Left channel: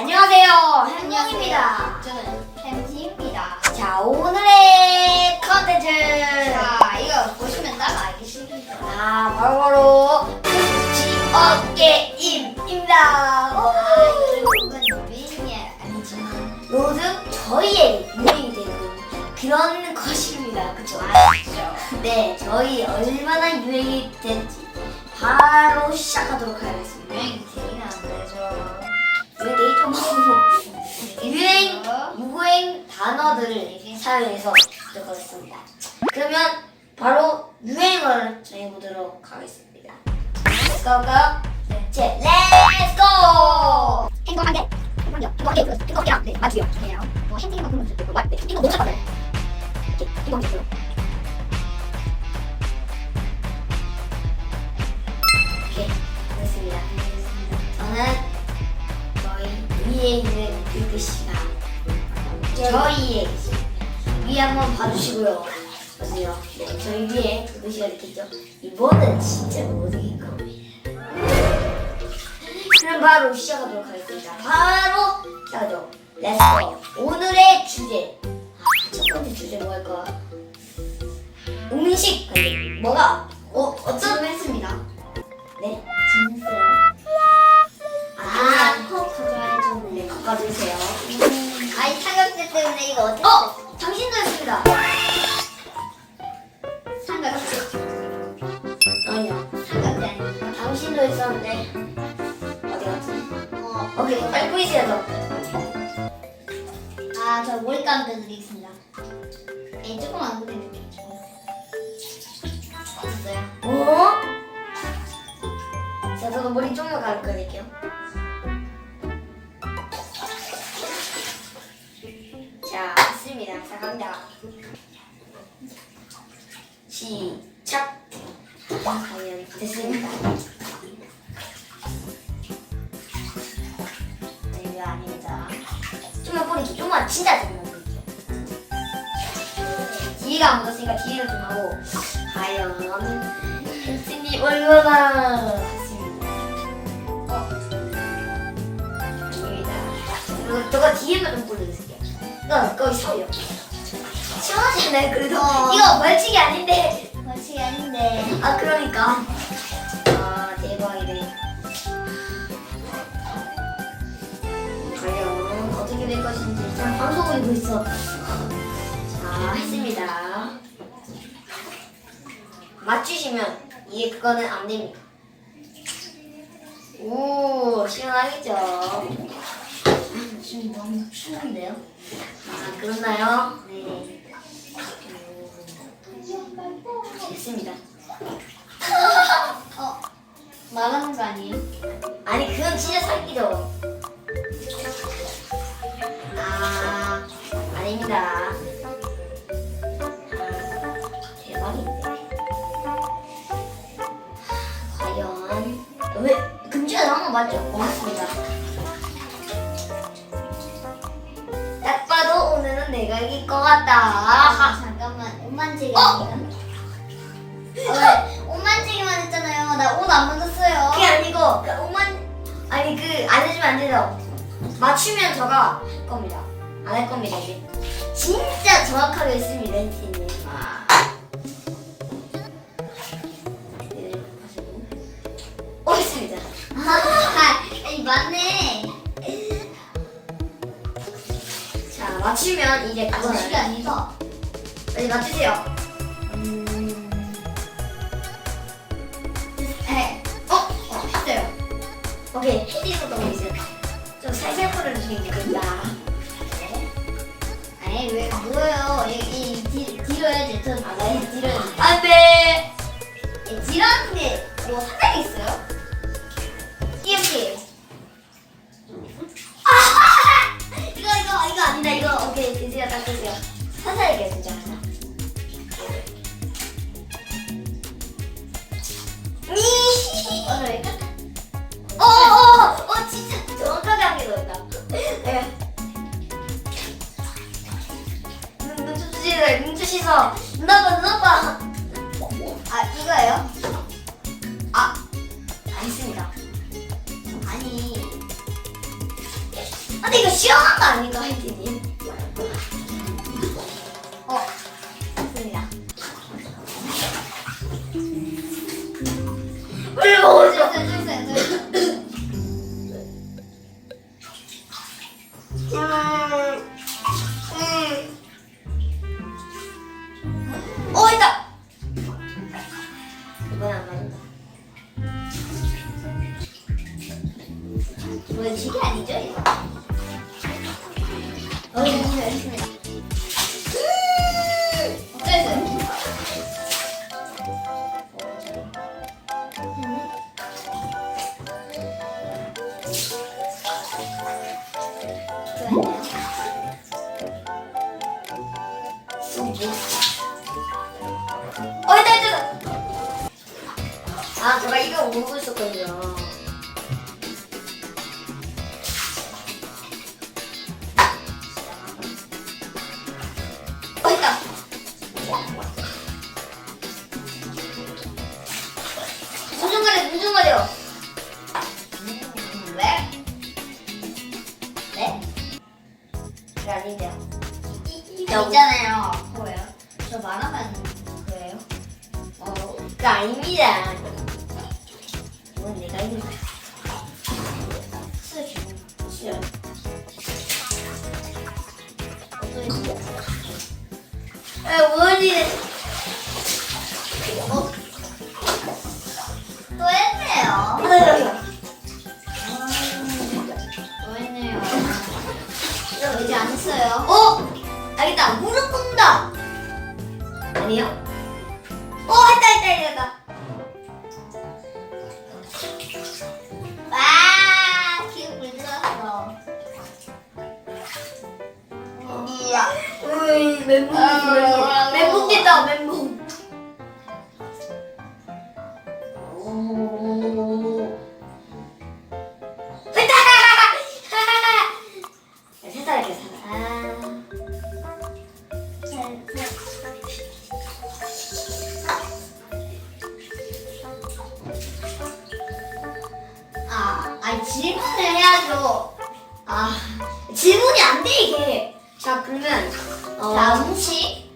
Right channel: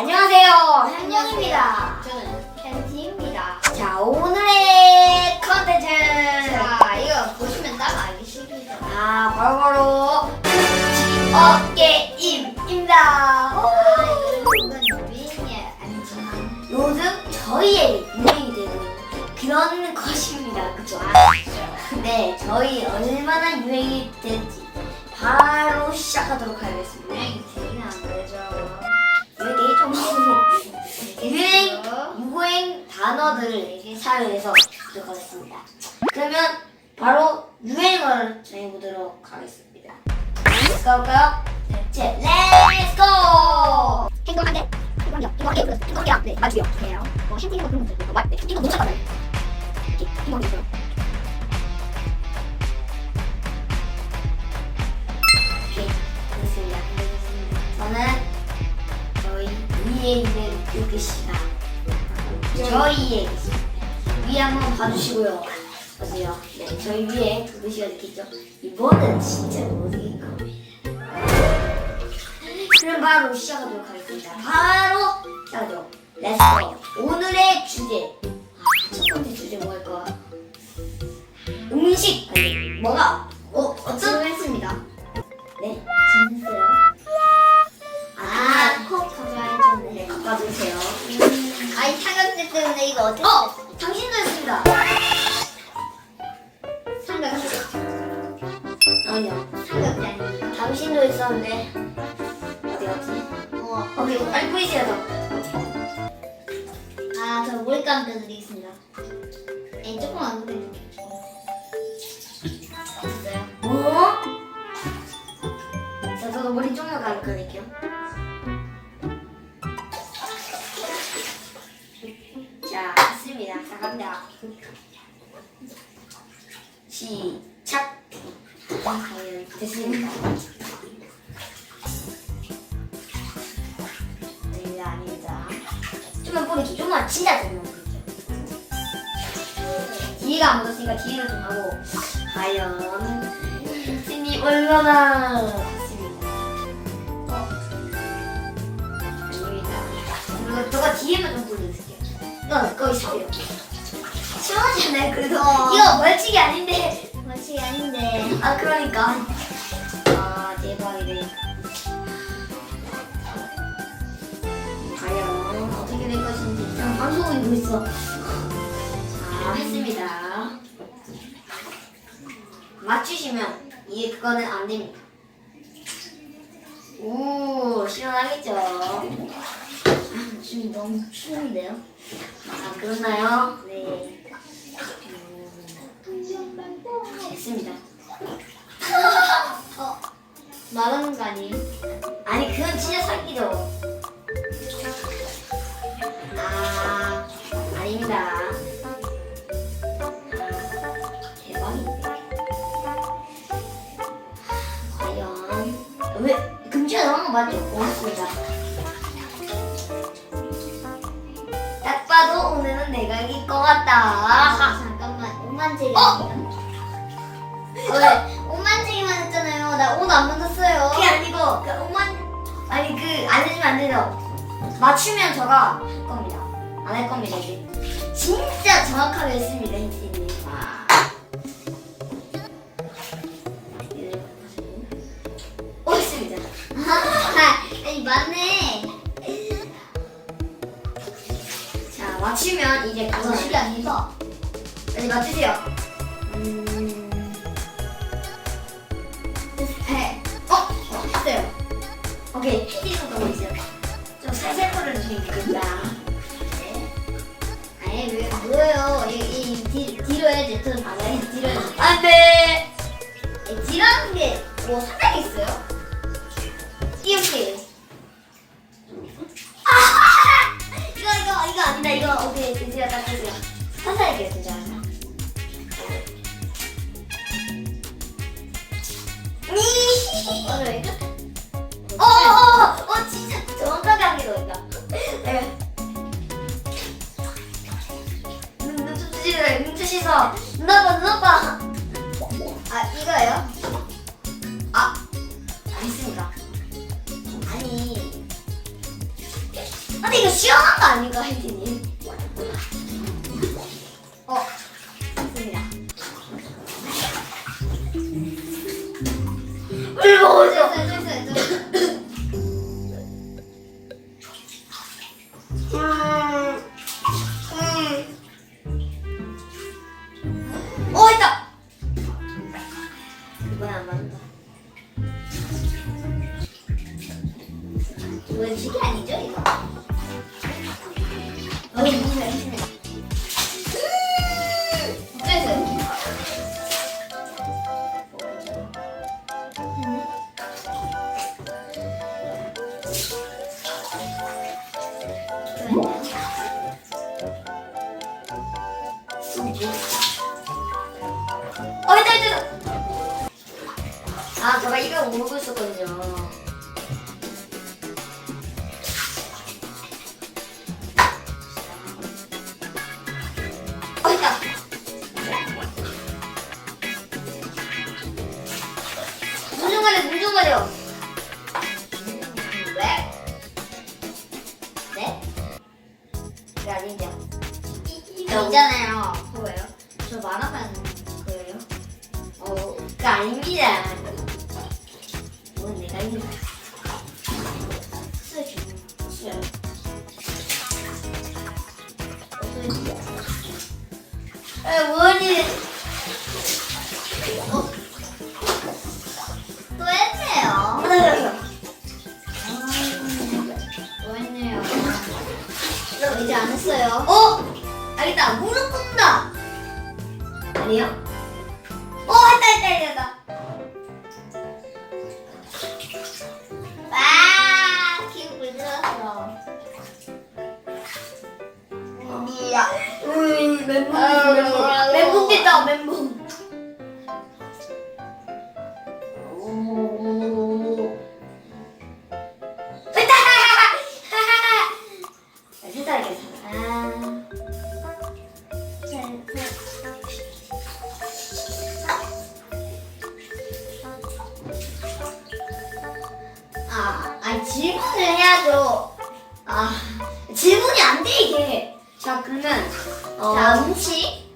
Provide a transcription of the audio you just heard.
안녕하세요. 현명입니다. 저는 팬티입니다. 자, 오늘의 컨텐츠. 자, 이거 보시면 딱 알겠습니다. 아, 바로바로 어깨임입니다. 아, 이거는 유행이 아니지만. 요즘 저희의 유행이 되는 그런 것입니다. 그쵸? 아시죠? 네, 저희 얼마나 유행이 될지 바로 시작하도록 하겠습니다. 단어들을 사용해서 하도록 하겠습니다. 그러면 바로 유행어를 정해보도록 하겠습니다. Let's go, go. 제 Let's go! 행동 한 개, 행동 한 개, 한 개, 네, 맞고요. 그래요. 뭐 행동 뭐 그런 것도 있고, 맞, 네, 행동 못 찾거든요. 이렇게 행동 있어요. 오케이, 됐습니다. 저는 저희 위에 있는 그 글씨가 저희의 위에 한번 봐주시고요. 보세요. 네, 저희 위에 이렇게 있죠. 이번엔 진짜 못 이길 거예요. 그럼 바로 시작하도록 하겠습니다. 바로 시작하죠. 렛츠고. 오늘의 주제. 아, 첫 번째 주제 뭐할 거야? 음식. 뭐가? 어, 어떤 했습니다. 네? 이거 어떻게 어! 당신도 했습니다. 삼각대 아니요. 삼각대 아닙니까? 당신도 했었는데, 어디 갔지? 어, 오케이, 빨리 뿌리세요, 아, 저 머리 감겨드리겠습니다. 에 조금만 안 그래도 됐어요. 저. 뭐? 자, 저도 머리 좀만 가르쳐 드릴게요. 됐습니다. 자, 갑니다. 시작! 과연 됐습니다. 네, 아닙니다. 좀만 진짜 좀만 뿌리기. 뒤가 안 묻었으니까 뒤로 좀 하고, 과연, 펜스님 얼마나 좋습니다. 아닙니다. 저거, 저거 뒤에만 좀 뿌려주세요. 너, 거기 서요. 않아요, 그래도? 어. 이거 벌칙이 아닌데. 벌칙이 아닌데. 아, 그러니까. 아, 대박이네. 과연 어떻게 될 것인지 자, 방송을 보고 있어. 자, 했습니다. 맞추시면 이게 그거는 안 됩니다. 오, 시원하겠죠? 아, 지금 너무 추운데요? 아, 그렇나요? 네. 음, 됐습니다. 어, 말하는 거 아니에요? 아니 그건 진짜 사기죠. 아 아닙니다. 대박인데. 과연 왜 금지가 나온 거 맞죠? 고맙습니다. 딱 봐도 오늘은 내가 이길 것 같다. 아, 잠깐만. 옷만지기 어? 왜? 옷만지기만 했잖아요. 나 옷 안 만졌어요. 그게 아니고 그 오만 아니 그 안 해주면 안 돼요. 맞추면 저가 할 겁니다. 안 할 겁니다 이제. 진짜 정확하게 했습니다 히트님. 오 했습니다. 아, 아니 맞네. 자 맞추면 이제 아, 실이 아니다. 빨리 맞추세요. 음, 오케이 헤딩도 너무 있어요. 좀 살살 뿌려주시면 좋겠다. 아니 왜 뭐예요? 이, 이 뒤, 뒤로 해야지. 저 아, 네. 뒤로 해야지. 안돼. 예, 뒤라는 게뭐 사장이 있어요? 씻어. 눈 아파, 눈 아파. 아 이거예요? 아, 안 씁니다. 아니 근데 이거 시원한 거 아닌가, 혜진이? 어, 좋습니다. 물 먹었어. 어, 어, 있다, 있다. 아, 제가 이거 모르고 있었거든요. 아니죠. 저 있잖아요. 뭐예요? 저 말하면 그래요? 어, 그 아닙니다. 뭐 내가 있는 거야. 알겠다. 무릎 꿇는다. 아니요? 어, 했다, 했다, 했다, 했다. 와, 기분 불들었어. 어디야? 으이, 멘붕이 들 질문을 해야죠. 아, 질문이 안 돼 이게. 자 그러면 어, 자, 음식